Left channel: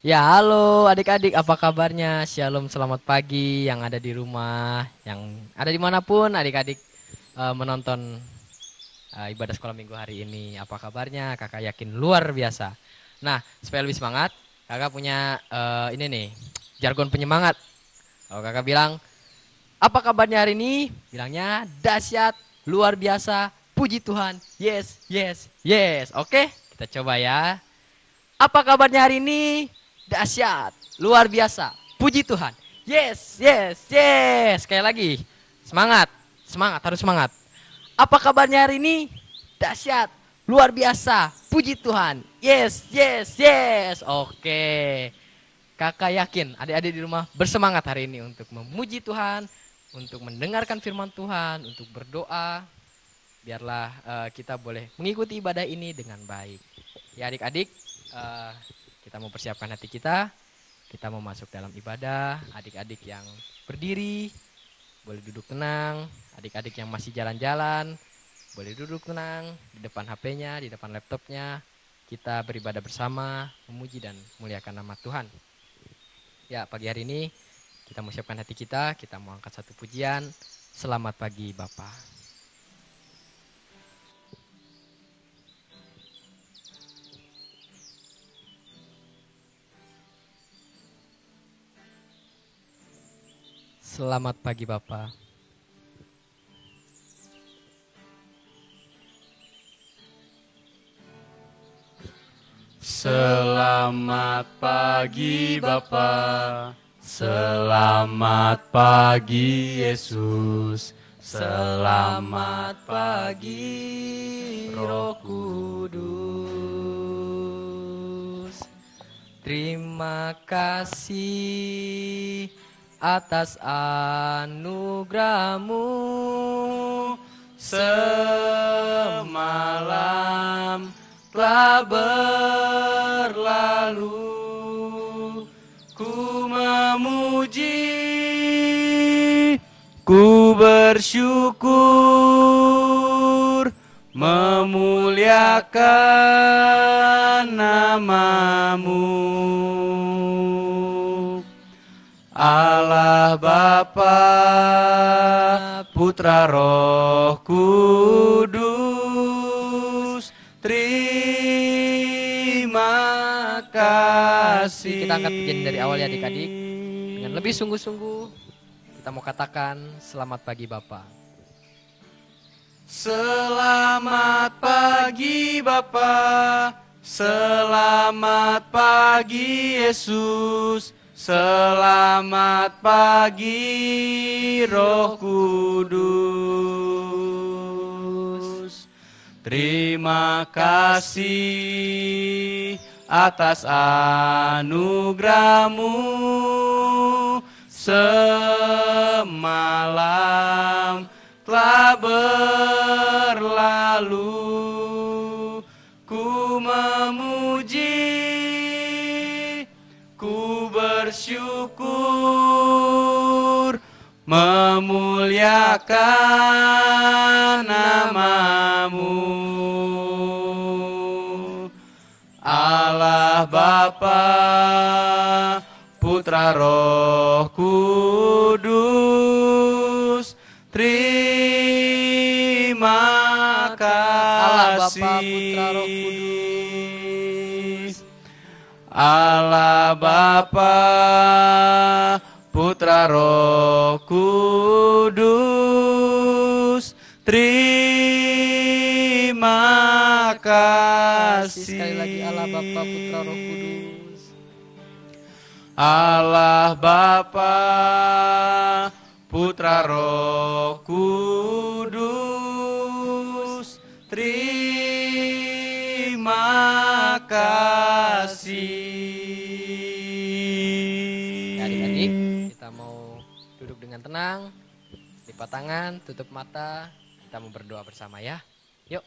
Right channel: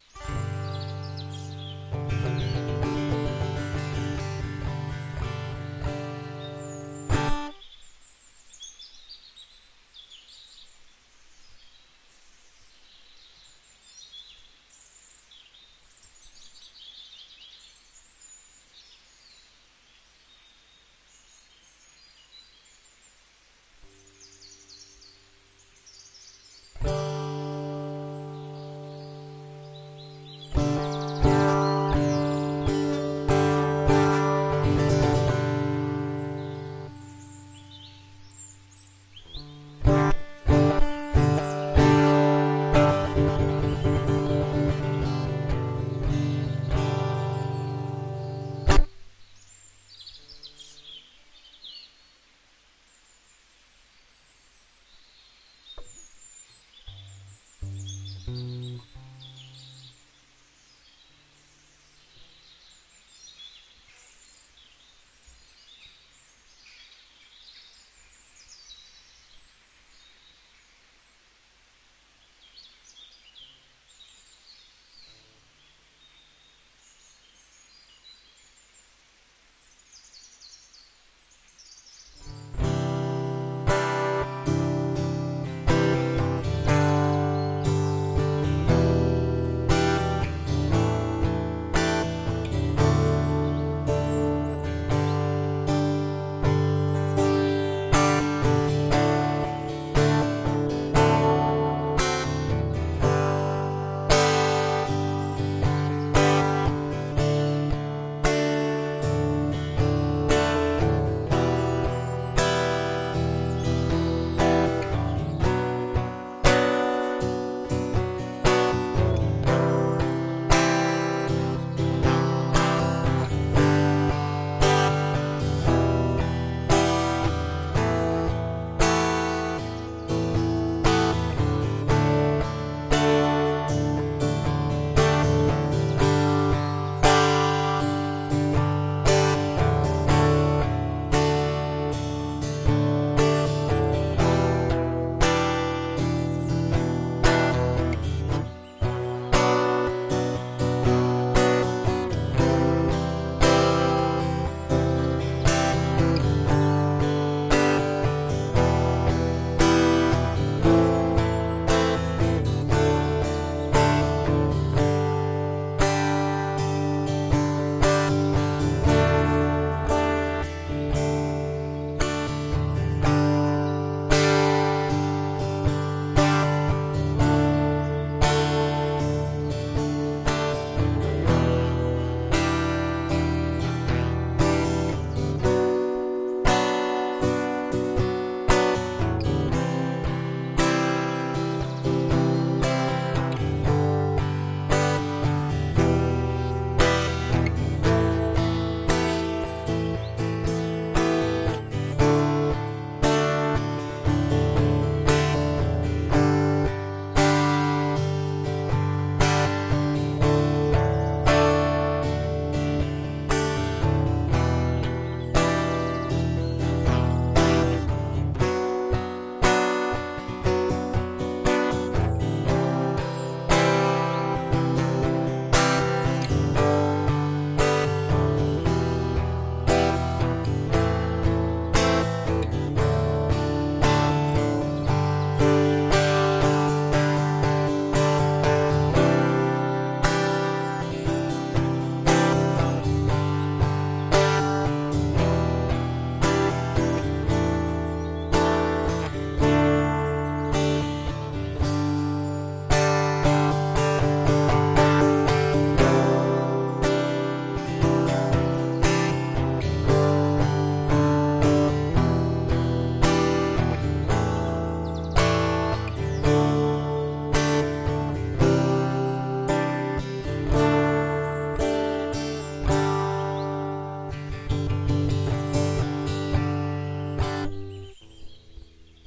Ya, halo adik-adik, apa kabarnya? Shalom, selamat pagi yang ada di rumah, yang ada dimanapun adik-adik menonton ibadah sekolah minggu hari ini. Apa kabarnya? Kakak yakin luar biasa. Nah, supaya lebih semangat, kakak punya ini nih, jargon penyemangat. Kalau kakak bilang, apa kabarnya hari ini? Bilangnya dahsyat, luar biasa, puji Tuhan, yes, yes, yes. Oke, kita coba ya. Apa kabarnya hari ini? Dahsyat, luar biasa. Puji Tuhan. Yes, yes, yes. Sekali lagi. Semangat, semangat, harus semangat. Apa kabarnya hari ini? Dahsyat, luar biasa. Puji Tuhan. Yes, yes, yes. Oke. Kakak yakin adik-adik di rumah bersemangat hari ini untuk memuji Tuhan, untuk mendengarkan firman Tuhan, untuk berdoa. Biarlah kita boleh mengikuti ibadah ini dengan baik. Ya adik-adik, uh, kita mau persiapkan hati kita mau masuk dalam ibadah. Adik-adik yang berdiri, boleh duduk tenang. Adik-adik yang masih jalan-jalan, boleh duduk tenang di depan HP-nya, di depan laptopnya. Kita beribadah bersama, memuji dan muliakan nama Tuhan. Ya, pagi hari ini kita mau siapkan hati kita mau angkat satu pujian. Selamat pagi Bapak. Selamat pagi Bapak. Selamat pagi Bapa, selamat pagi Yesus, selamat pagi Roh Kudus. Terima kasih atas anugerahmu. Semalam telah berlalu, ku memuji, ku bersyukur, memuliakan namamu. Allah Bapa, Putra Roh Kudus, terima kasih. Kita akan menjadi dari awalnya adik-adik yang lebih sungguh-sungguh. Kita mau katakan selamat pagi Bapak. Selamat pagi Bapa, selamat pagi Yesus, selamat pagi Roh Kudus. Terima kasih atas anugerahmu. Semalam telah berlalu, ku memuji, ku bersyukur, memuliakan namamu. Allah Bapa, Putra Roh Kudus, terima kasih. Allah Bapa, Putra Roh Kudus, terima Sekali lagi Allah kasih. Bapa. Allah Bapa, Putra Roh Kudus, terima kasih. Adik-adik, dengan tenang, buka tangan, tutup mata, kita mau berdoa bersama ya. Yuk.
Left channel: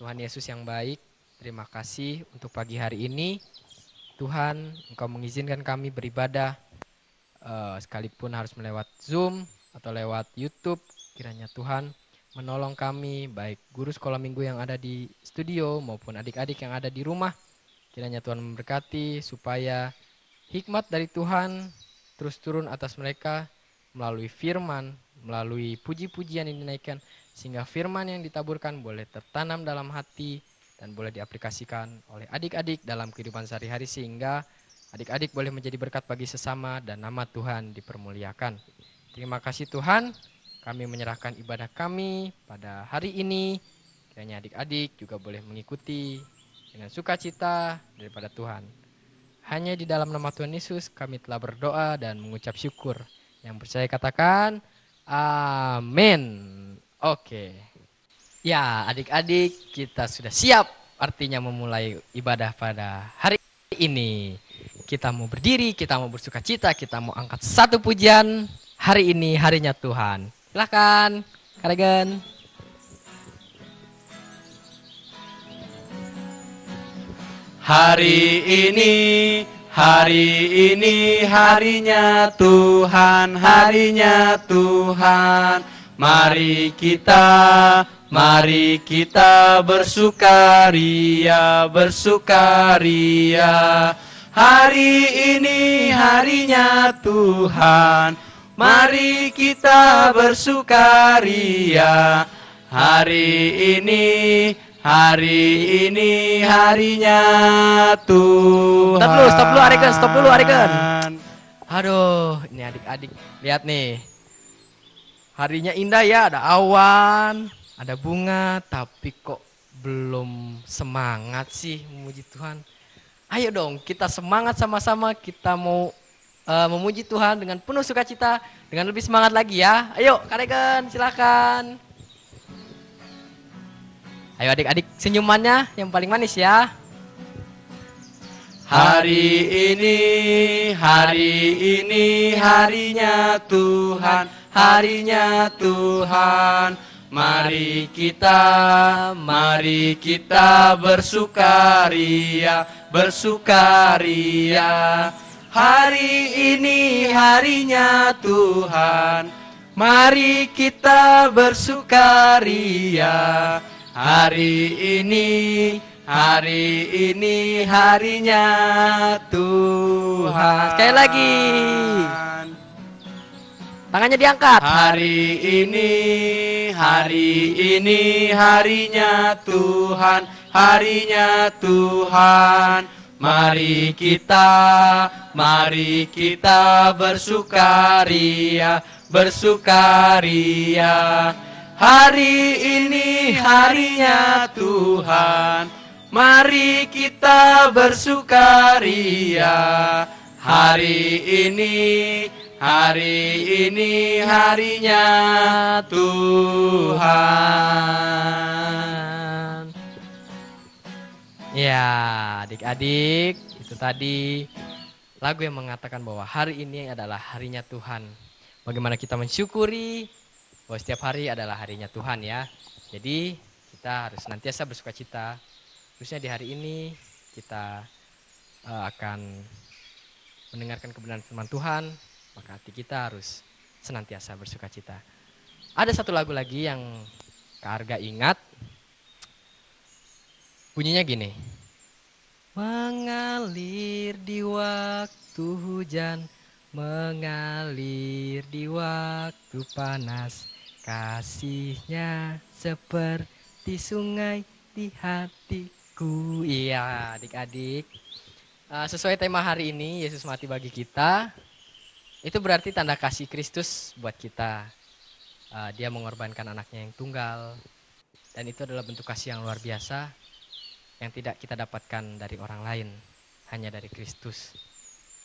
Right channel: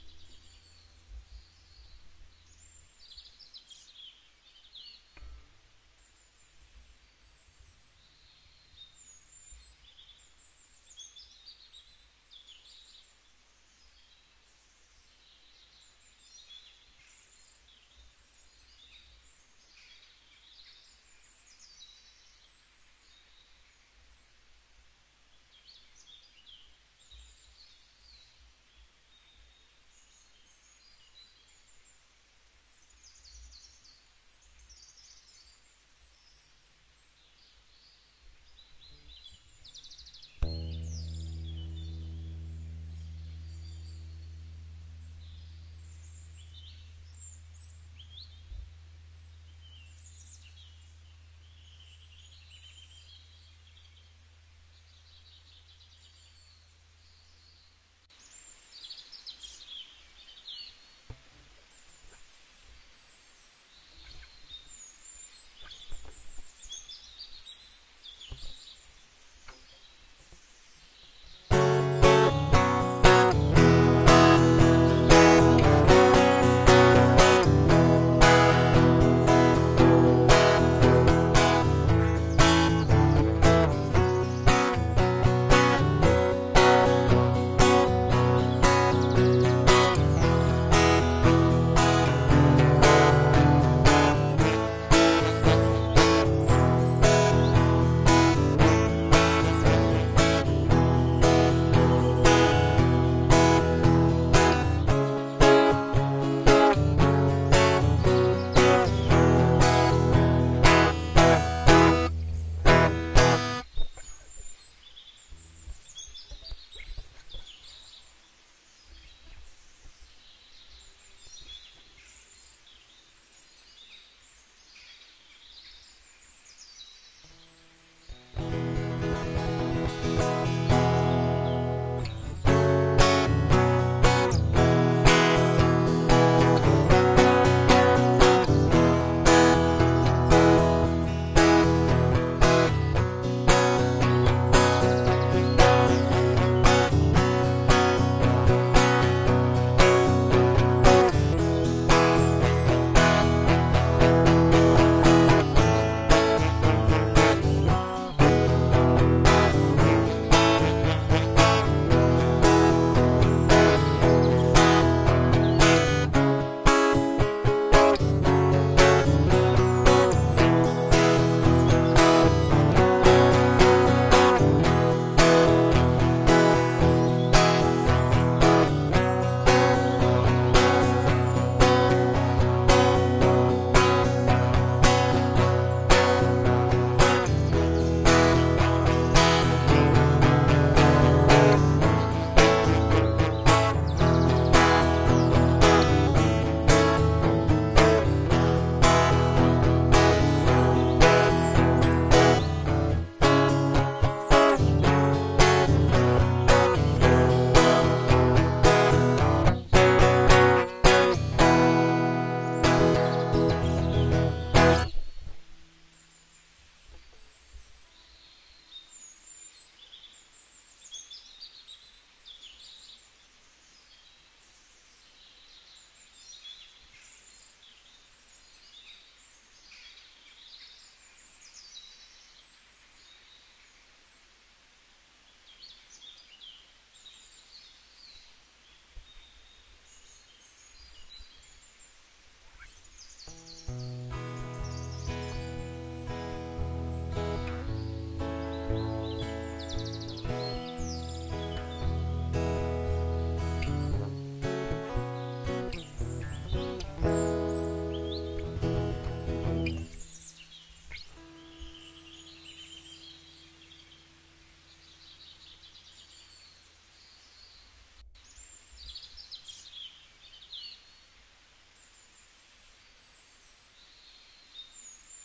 Tuhan Yesus yang baik, terima kasih untuk pagi hari ini. Tuhan, Engkau mengizinkan kami beribadah sekalipun harus melewat Zoom atau lewat YouTube. Kiranya Tuhan menolong kami, baik guru sekolah minggu yang ada di studio maupun adik-adik yang ada di rumah. Kiranya Tuhan memberkati supaya hikmat dari Tuhan terus turun atas mereka melalui firman, melalui puji-pujian yang dinaikkan, sehingga firman yang ditaburkan boleh tertanam dalam hati dan boleh diaplikasikan oleh adik-adik dalam kehidupan sehari-hari, sehingga adik-adik boleh menjadi berkat bagi sesama dan nama Tuhan dipermuliakan. Terima kasih Tuhan, kami menyerahkan ibadah kami pada hari ini. Kiranya adik-adik juga boleh mengikuti dengan sukacita daripada Tuhan. Hanya di dalam nama Tuhan Yesus kami telah berdoa dan mengucap syukur. Yang percaya katakan amin. Oke. Ya, adik-adik, kita sudah siap artinya memulai ibadah pada hari ini. Kita mau berdiri, kita mau bersukacita, kita mau angkat satu pujian. Hari ini harinya Tuhan. Silakan, Kalian. Hari ini harinya Tuhan, harinya Tuhan. Mari kita bersukaria, bersukaria. Hari ini harinya Tuhan, mari kita bersukaria. Hari ini harinya Tuhan. Stop dulu Areken. Aduh, ini adik-adik lihat nih. Harinya indah ya, ada awan, ada bunga, tapi kok belum semangat sih memuji Tuhan. Ayo dong, kita semangat sama-sama, kita mau memuji Tuhan dengan penuh sukacita, dengan lebih semangat lagi ya. Ayo, Areken, silakan. Ayo adik-adik, senyumannya yang paling manis ya. Hari ini harinya Tuhan, harinya Tuhan. Mari kita bersukaria, bersukaria. Hari ini harinya Tuhan, mari kita bersukaria. Hari ini harinya Tuhan. Sekali lagi, tangannya diangkat. Hari ini harinya Tuhan, harinya Tuhan. Mari kita bersukaria, bersukaria. Hari ini harinya Tuhan, mari kita bersukaria. Hari ini harinya Tuhan. Ya, adik-adik, tadi lagu yang mengatakan bahwa hari ini adalah harinya Tuhan. Bagaimana kita mensyukuri bahwa setiap hari adalah harinya Tuhan ya. Jadi kita harus senantiasa bersukacita. Khususnya di hari ini kita akan mendengarkan kebenaran firman Tuhan, maka hati kita harus senantiasa bersukacita. Ada satu lagu lagi yang Kak Arga ingat. Bunyinya gini. Mengalir di waktu hujan, mengalir di waktu panas, kasihnya seperti sungai di hatiku. Iya adik-adik, sesuai tema hari ini, Yesus mati bagi kita. Itu berarti tanda kasih Kristus buat kita. Dia mengorbankan anaknya yang tunggal, dan itu adalah bentuk kasih yang luar biasa yang tidak kita dapatkan dari orang lain, hanya dari Kristus.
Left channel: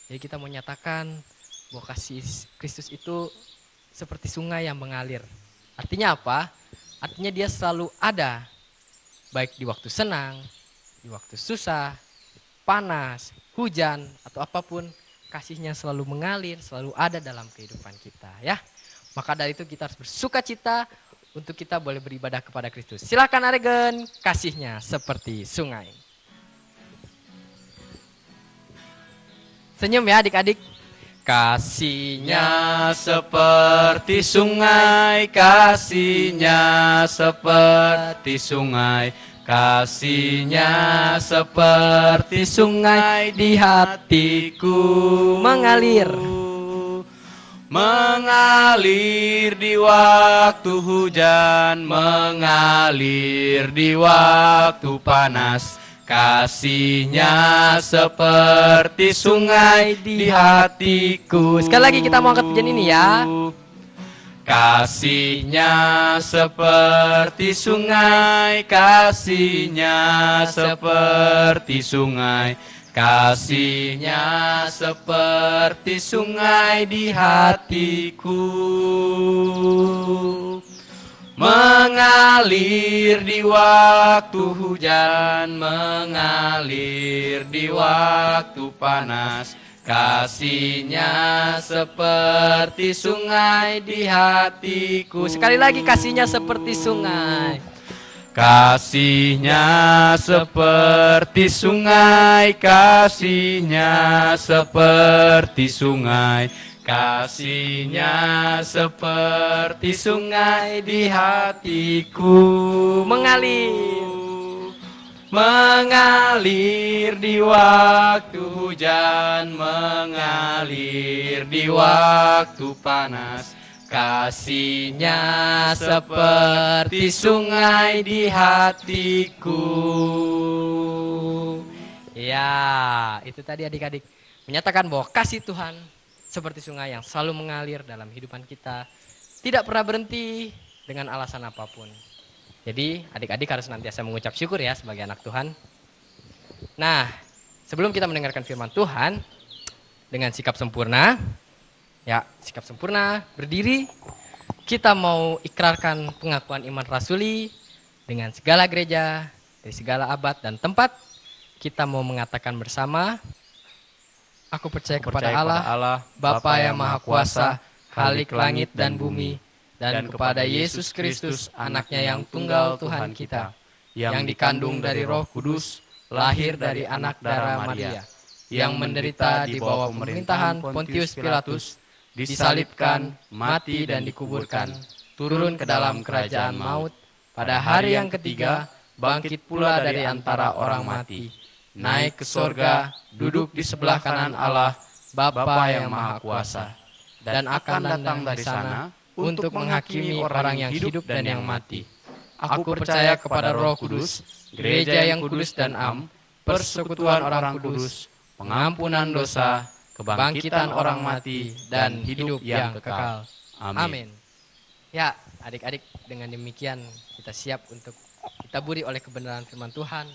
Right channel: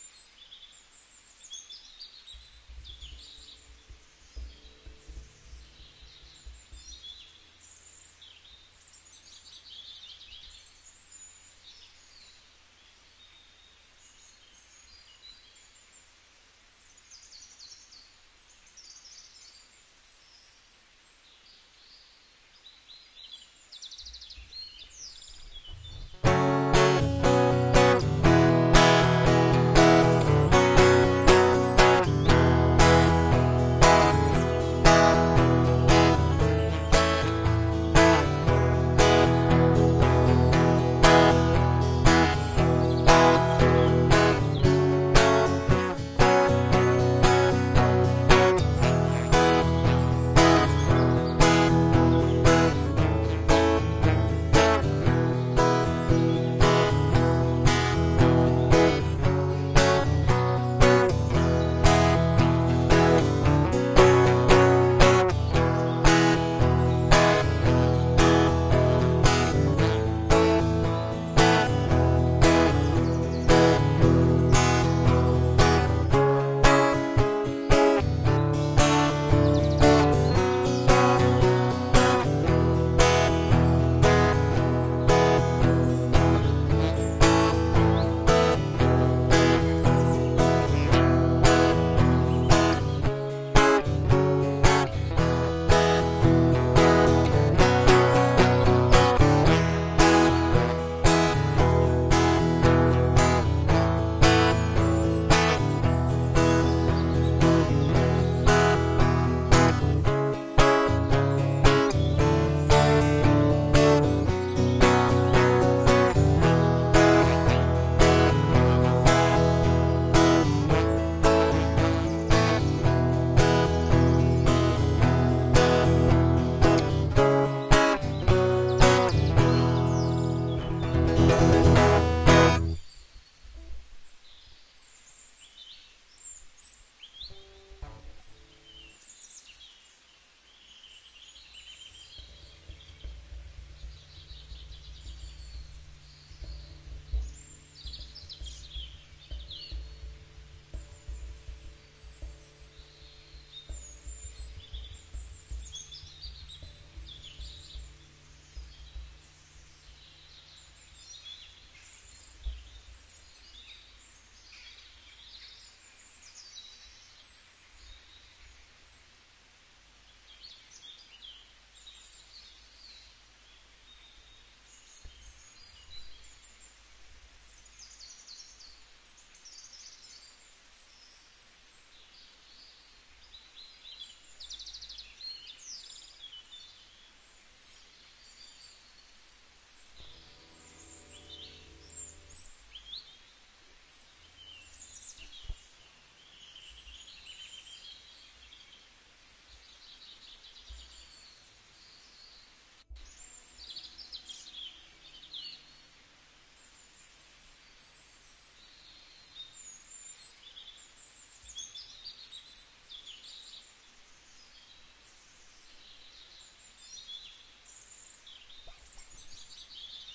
Jadi kita mau nyatakan bahwa kasih Kristus itu seperti sungai yang mengalir. Artinya apa? Artinya dia selalu ada, baik di waktu senang, di waktu susah, panas, hujan, atau apapun, kasihnya selalu mengalir, selalu ada dalam kehidupan kita ya. Maka dari itu kita harus bersukacita untuk kita boleh beribadah kepada Kristus. Silakan Aregen, kasihnya seperti sungai. Senyum ya adik-adik. Kasihnya seperti sungai, kasihnya seperti sungai, Kasih-Nya seperti sungai di hatiku, mengalir di waktu hujan, mengalir di waktu panas. Kasih-Nya seperti sungai di hatiku. Sekali lagi kita mau angkat pujian ini ya. Kasih-Nya seperti sungai, kasih-Nya seperti sungai, kasih-Nya seperti sungai di hatiku, mengalir di waktu hujan, mengalir di waktu panas. Kasih-Nya seperti sungai di hatiku. Sekali lagi, kasih-Nya seperti sungai. Kasih-Nya seperti sungai, kasih-Nya seperti sungai, kasih-Nya seperti sungai di hatiku, mengalir di waktu hujan, mengalir di waktu panas. Kasih-Nya seperti sungai di hatiku. Ya, itu tadi adik-adik menyatakan bahwa kasih Tuhan seperti sungai yang selalu mengalir dalam kehidupan kita, tidak pernah berhenti dengan alasan apapun. Jadi adik-adik harus senantiasa mengucap syukur ya sebagai anak Tuhan. Nah, sebelum kita mendengarkan firman Tuhan dengan sikap sempurna, ya sikap sempurna, berdiri, kita mau ikrarkan pengakuan iman rasuli dengan segala gereja, dari segala abad dan tempat. Kita mau mengatakan bersama, aku percaya kepada Allah, Bapa yang Maha Kuasa, Khalik langit dan bumi, dan kepada Yesus Kristus, anaknya yang tunggal Tuhan kita, yang dikandung dari Roh Kudus, lahir dari anak darah Maria, yang menderita di bawah pemerintahan Pontius Pilatus, disalibkan, mati dan dikuburkan, turun ke dalam kerajaan maut, pada hari yang ketiga bangkit pula dari antara orang mati, naik ke sorga, duduk di sebelah kanan Allah, Bapa yang Maha Kuasa, dan akan datang dari sana untuk menghakimi orang yang hidup dan yang mati. Aku percaya kepada Roh Kudus, gereja yang kudus dan am, persekutuan orang kudus, pengampunan dosa, kebangkitan orang mati, dan hidup yang kekal. Amin. Ya, adik-adik, dengan demikian kita siap untuk ditaburi oleh kebenaran firman Tuhan.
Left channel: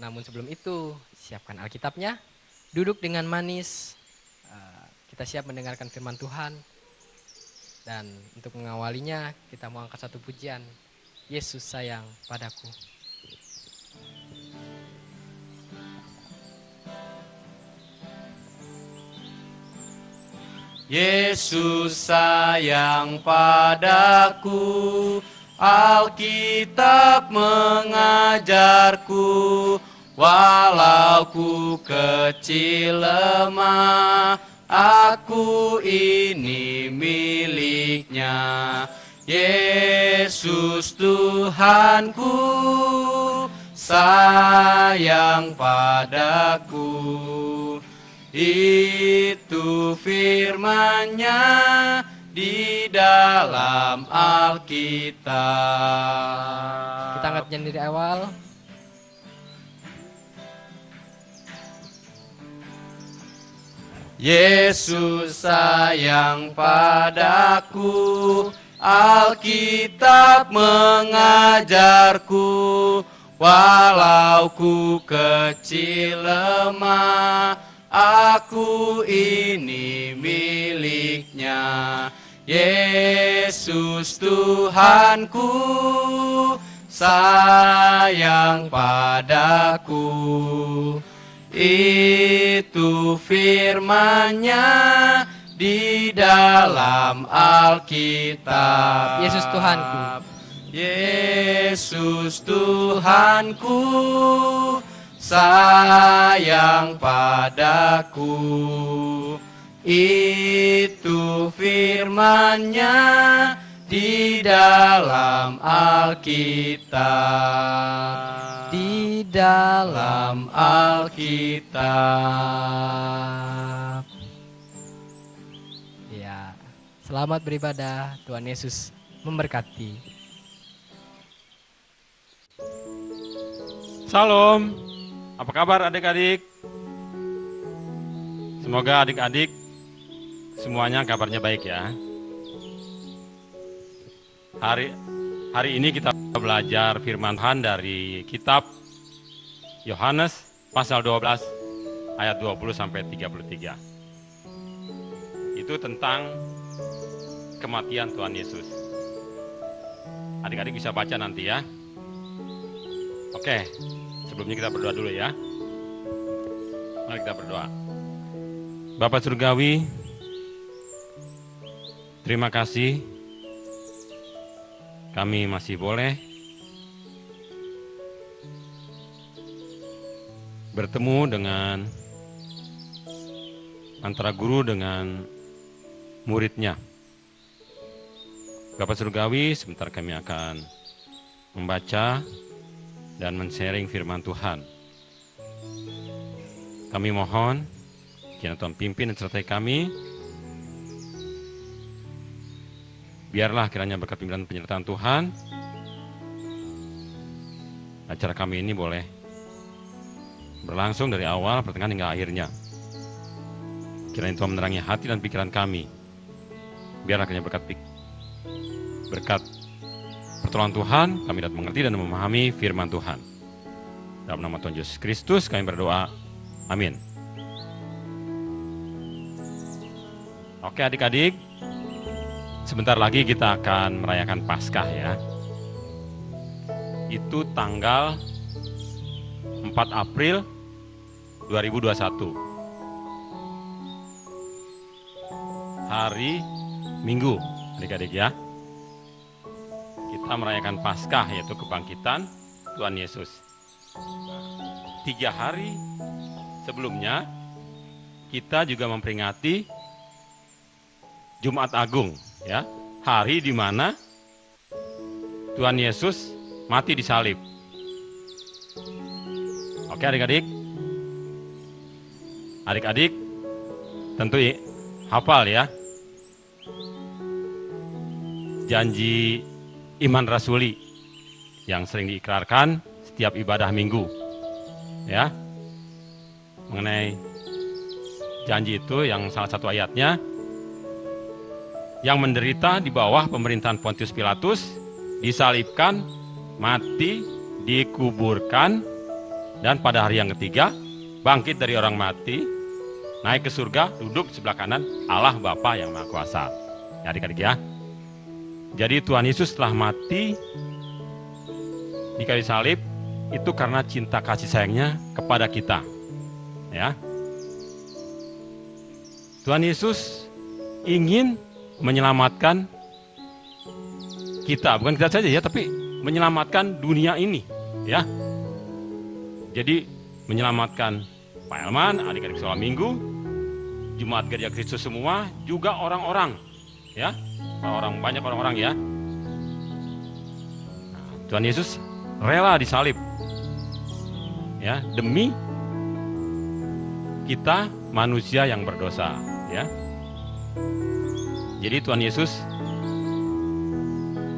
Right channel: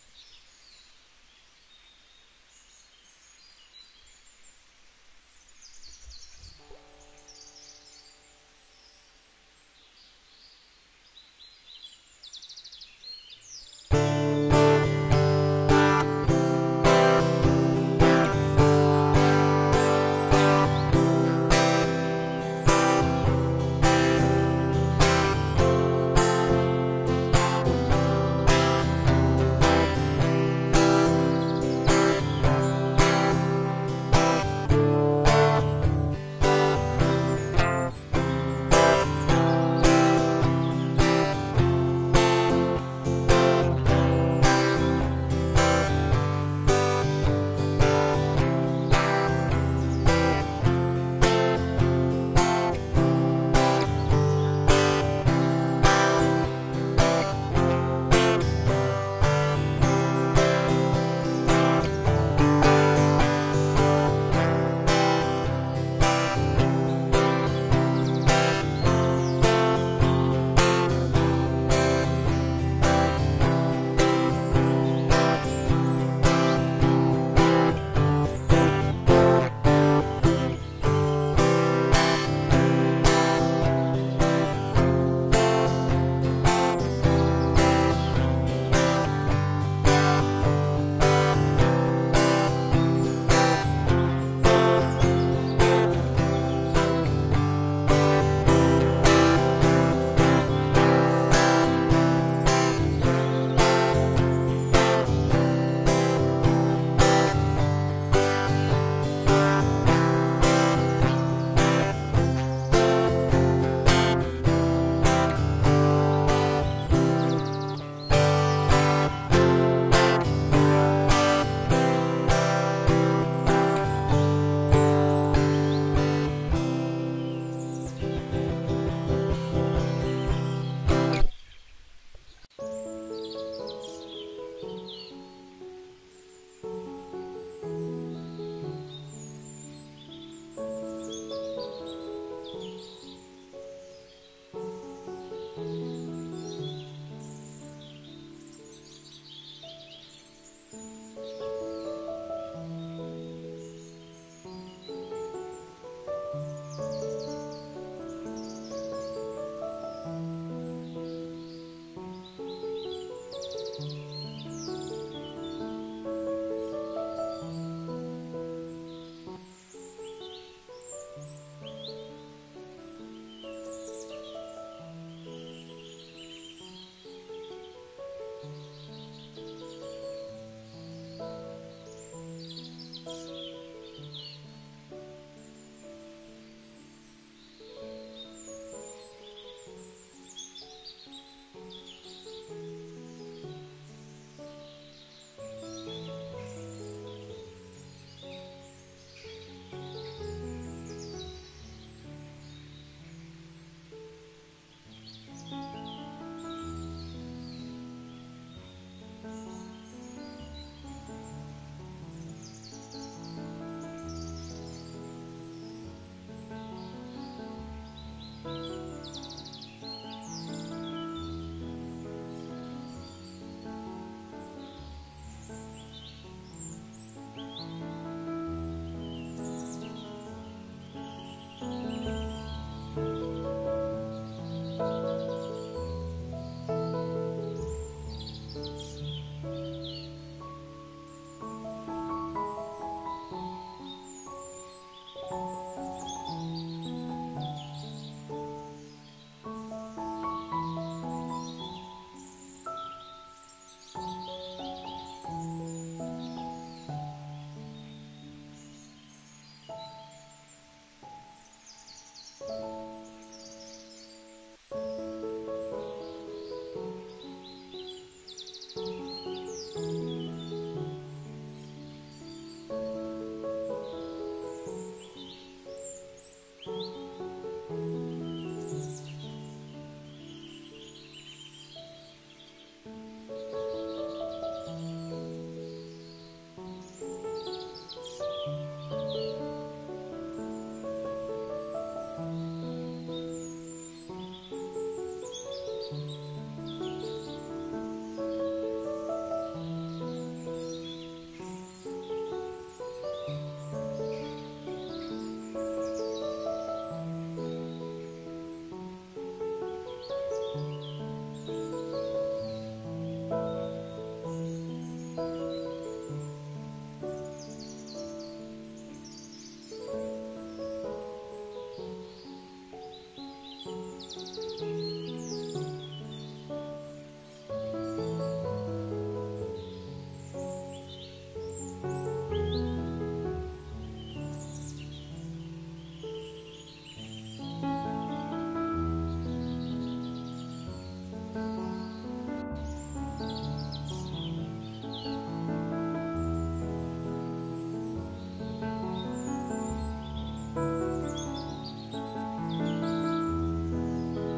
Namun sebelum itu, siapkan Alkitabnya, duduk dengan manis, kita siap mendengarkan firman Tuhan. Dan untuk mengawalinya, kita mau angkat satu pujian, Yesus sayang padaku. Yesus sayang padaku, Alkitab mengajarku, walau ku kecil lemah, aku ini miliknya. Yesus Tuhanku sayang padaku, itu firman-Nya di dalam Alkitab. Tangannya dari awal. Yesus sayang padaku, Alkitab mengajarku, walau ku kecil lemah, aku ini miliknya. Yesus Tuhanku sayang padaku, itu firman-Nya di dalam Selamat beribadah. Tuhan Yesus memberkati. Salam, apa kabar adik-adik? Semoga adik-adik semuanya kabarnya baik ya. Hari ini kita belajar firman Tuhan dari kitab Yohanes pasal 12 ayat 20 sampai 33. Itu tentang kematian Tuhan Yesus. Adik-adik bisa baca nanti ya. Oke, sebelumnya kita berdoa dulu ya. Mari kita berdoa. Bapak Surgawi, terima kasih kami masih boleh bertemu dengan antara guru dengan muridnya. Bapak Surgawi, sebentar kami akan membaca dan men-sharing firman Tuhan. Kami mohon kiranya Tuhan pimpin dan sertai kami. Biarlah kiranya berkat pimpinan penyertaan Tuhan, acara kami ini boleh berlangsung dari awal, pertengahan hingga akhirnya. Kiranya Tuhan menerangi hati dan pikiran kami. Biarlah kiranya berkat pertolongan Tuhan, kami dapat mengerti dan memahami firman Tuhan. Dalam nama Tuhan Yesus Kristus kami berdoa. Amin. Oke adik-adik, sebentar lagi kita akan merayakan Paskah ya. Itu tanggal 4 April 2021. Hari Minggu, adik-adik ya. Kita merayakan Paskah, yaitu kebangkitan Tuhan Yesus. 3 hari sebelumnya kita juga memperingati Jumat Agung, ya, hari di mana Tuhan Yesus mati di salib. Oke adik-adik, tentu hafal ya janji iman rasuli yang sering diikrarkan setiap ibadah minggu, ya. Mengenai janji itu yang salah satu ayatnya, yang menderita di bawah pemerintahan Pontius Pilatus, disalibkan, mati, dikuburkan, dan pada hari yang ketiga bangkit dari orang mati, naik ke surga, duduk sebelah kanan Allah Bapa yang Maha Kuasa. Ya, adik-adik ya. Jadi Tuhan Yesus telah mati di kayu salib itu karena cinta kasih sayangnya kepada kita. Ya. Tuhan Yesus ingin menyelamatkan kita, bukan kita saja ya, tapi menyelamatkan dunia ini, ya. Jadi menyelamatkan Pak Elman, adik-adik sekolah minggu, Jemaat Gereja Kristus semua, juga orang-orang, ya, banyak orang-orang ya. Tuhan Yesus rela disalib, ya, demi kita manusia yang berdosa, ya. Jadi Tuhan Yesus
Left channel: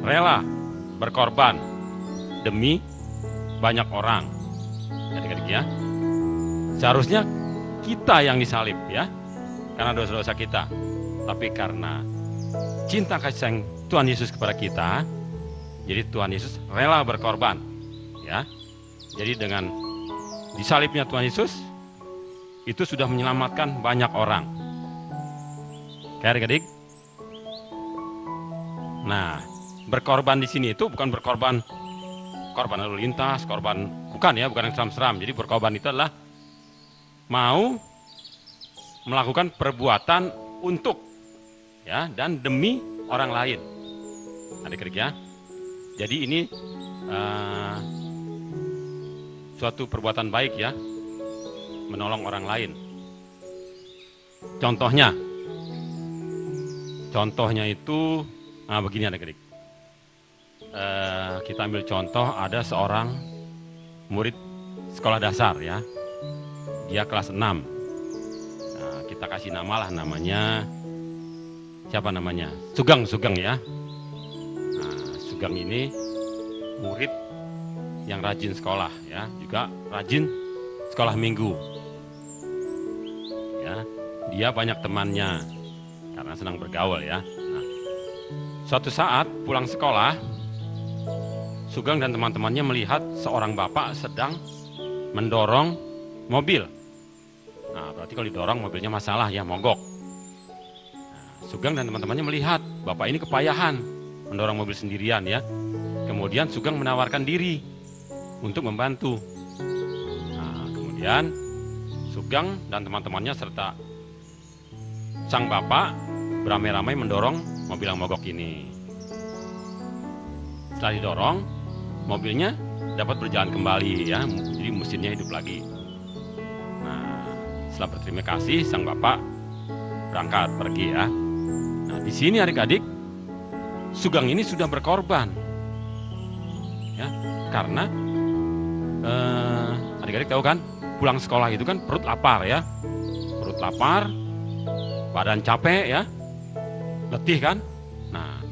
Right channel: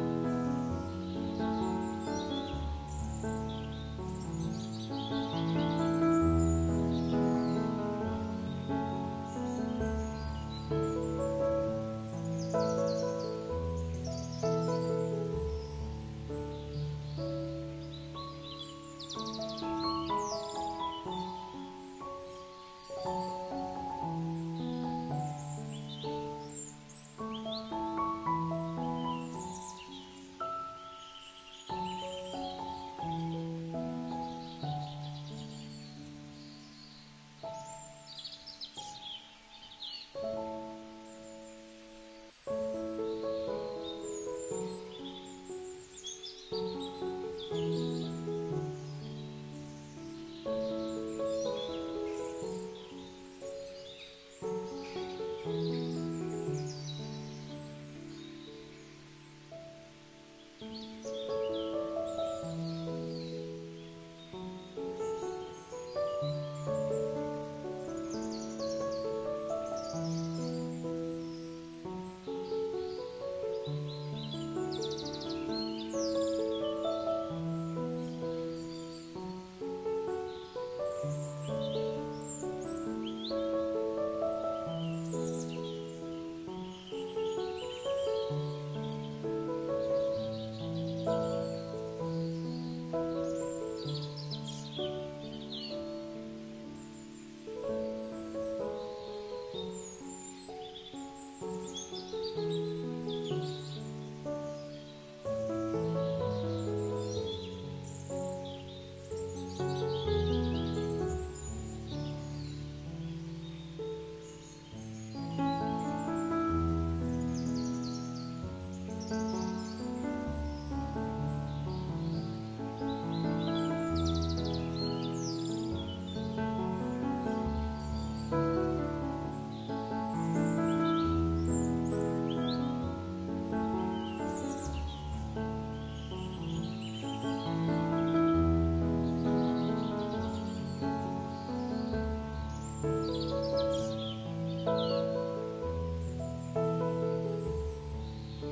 rela berkorban demi banyak orang, adik-adik ya. Seharusnya kita yang disalib ya, karena dosa-dosa kita. Tapi karena cinta kasih sayang Tuhan Yesus kepada kita, jadi Tuhan Yesus rela berkorban, ya. Jadi dengan disalibnya Tuhan Yesus, itu sudah menyelamatkan banyak orang. Oke adik-adik. Nah, berkorban di sini itu bukan berkorban lalu lintas, bukan ya, bukan yang seram-seram. Jadi berkorban itu adalah mau melakukan perbuatan untuk, ya, dan demi orang lain, adik-adik ya. Jadi ini suatu perbuatan baik ya, menolong orang lain. Contohnya itu begini adik-adik. Kita ambil contoh, ada seorang murid sekolah dasar ya, dia kelas 6. Kita kasih nama lah, namanya siapa namanya? Sugeng ya. Nah, Sugeng ini murid yang rajin sekolah ya, juga rajin sekolah minggu. Ya, dia banyak temannya karena senang bergaul ya. Nah, suatu saat pulang sekolah, Sugeng dan teman-temannya melihat seorang bapak sedang mendorong mobil. Nah, berarti kalau didorong mobilnya masalah ya, mogok. Sugeng dan teman-temannya melihat bapak ini kepayahan mendorong mobil sendirian ya. Kemudian Sugeng menawarkan diri untuk membantu. Nah, kemudian Sugeng dan teman-temannya serta sang bapak beramai-ramai mendorong mobil yang mogok ini. Setelah didorong, mobilnya dapat berjalan kembali ya, jadi mesinnya hidup lagi. Nah, setelah berterima kasih, sang bapak berangkat pergi ya. Nah, di sini adik-adik, Sugeng ini sudah berkorban, ya, karena adik-adik tahu kan, pulang sekolah itu kan perut lapar ya, perut lapar, badan capek ya, letih kan. Nah,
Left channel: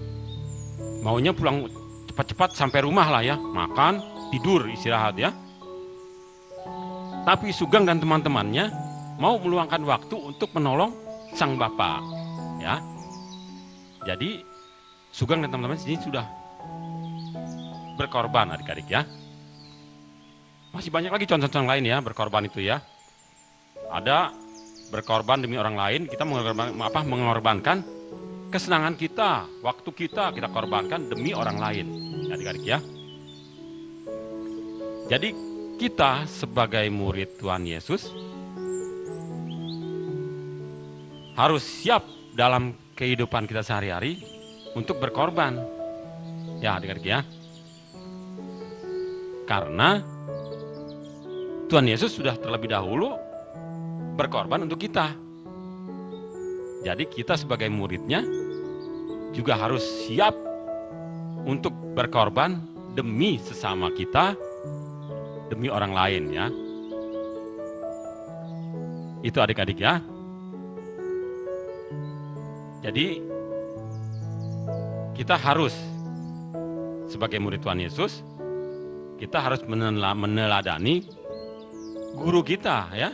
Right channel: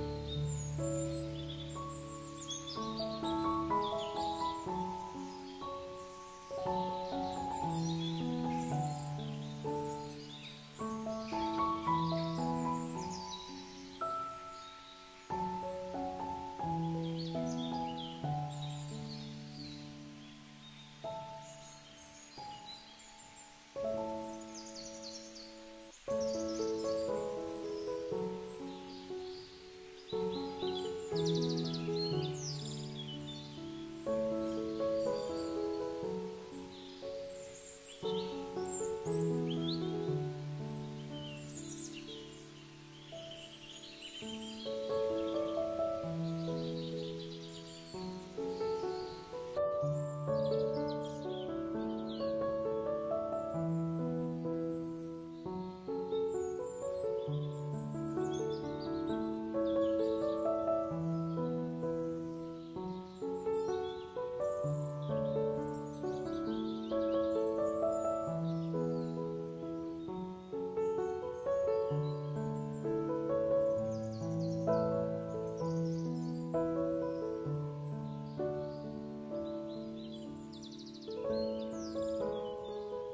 maunya pulang cepat-cepat sampai rumah lah ya, makan, tidur, istirahat ya. Tapi Sugeng dan teman-temannya mau meluangkan waktu untuk menolong sang bapak ya. Jadi Sugeng dan teman-teman sini sudah berkorban adik-adik ya. Masih banyak lagi contoh-contoh lain ya berkorban itu ya. Ada berkorban demi orang lain, kita mengorbankan kesenangan kita, waktu kita korbankan demi orang lain, adik-adik ya. Jadi kita sebagai murid Tuhan Yesus harus siap dalam kehidupan kita sehari-hari untuk berkorban, ya adik-adik ya. Karena Tuhan Yesus sudah terlebih dahulu berkorban untuk kita. Jadi kita sebagai muridnya juga harus siap untuk berkorban demi sesama kita, demi orang lain ya. Itu adik-adik ya. Jadi kita harus sebagai murid Tuhan Yesus, kita harus meneladani guru kita ya.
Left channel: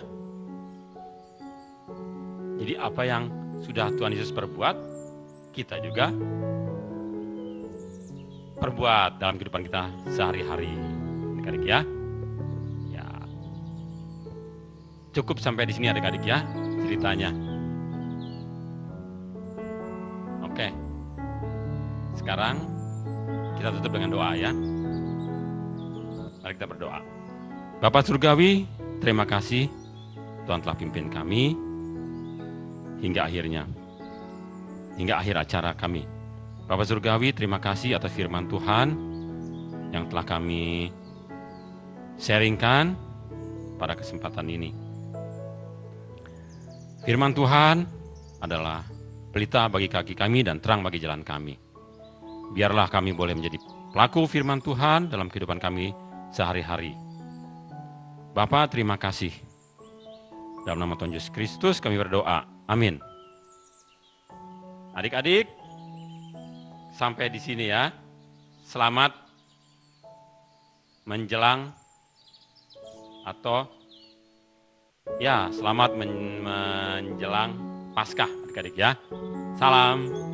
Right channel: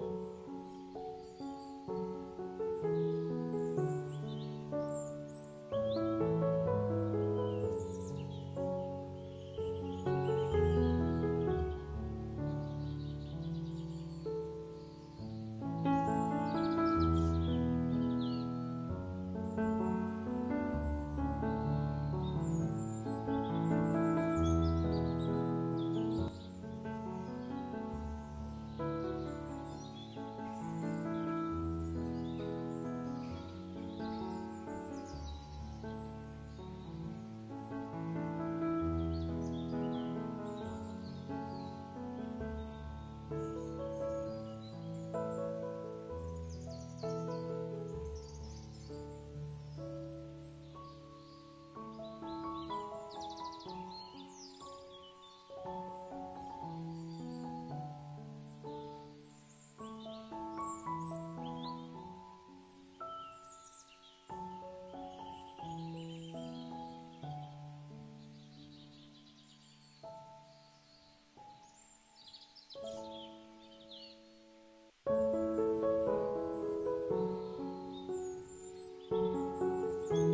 Jadi apa yang sudah Tuhan Yesus perbuat, kita juga perbuat dalam kehidupan kita sehari-hari, adik-adik ya. Ya, cukup sampai di sini adik-adik ya ceritanya. Oke, sekarang kita tutup dengan doa ya. Mari kita berdoa. Bapa Surgawi, terima kasih Tuhan telah pimpin kami hingga akhir acara kami. Bapa Surgawi, terima kasih atas firman Tuhan yang telah kami sharingkan pada kesempatan ini. Firman Tuhan adalah pelita bagi kaki kami dan terang bagi jalan kami. Biarlah kami boleh menjadi pelaku firman Tuhan dalam kehidupan kami sehari-hari. Bapa, terima kasih. Dalam nama Tuhan Yesus Kristus kami berdoa. Amin. Adik-adik, sampai di sini ya. Selamat menjelang atau ya selamat menjelang Paskah adik-adik ya. Salam.